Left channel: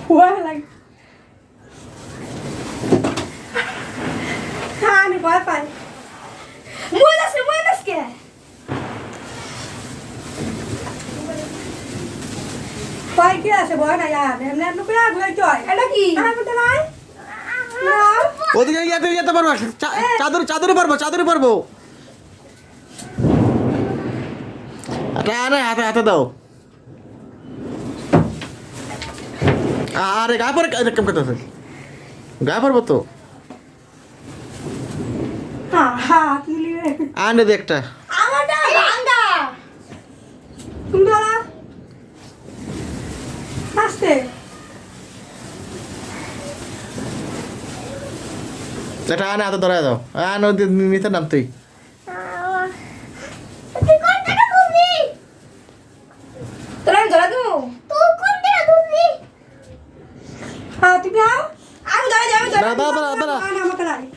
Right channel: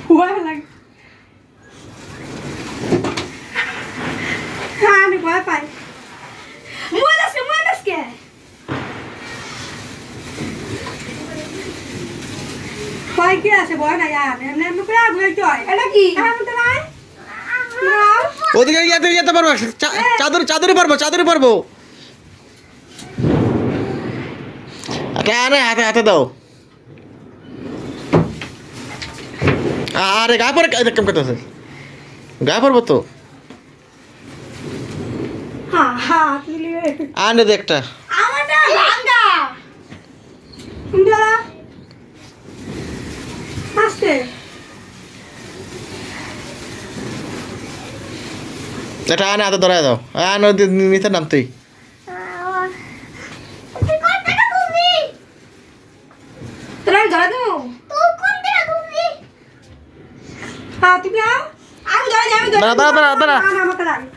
ভয় লাগে হ্যাঁ আমি ভয় পাই মুয়ে ভয় কি আছে ভয় নাই আর এমনি এমনি করে আগুয়ে জয় এটা কি আমি তো নাই ওদিকে যেতে পারবো চাদরে পারবো আরে হাতে দাও আরে গায়ে পরে কেমন করতেছে গায়ে পড়বো তো হ্যাঁ হ্যাঁ তুই আনে দে একটা আমারটা ভাঙা কুন্দরা আস্তে এটা আনে হাতে ধরায় দাও আনে নিচে নাম তুই তোরা ধরে দেবো তুই কোন দিকে ধরবি হ্যাঁ তুমি আও আমি ধরে যাবি দাঁড়া আমাকে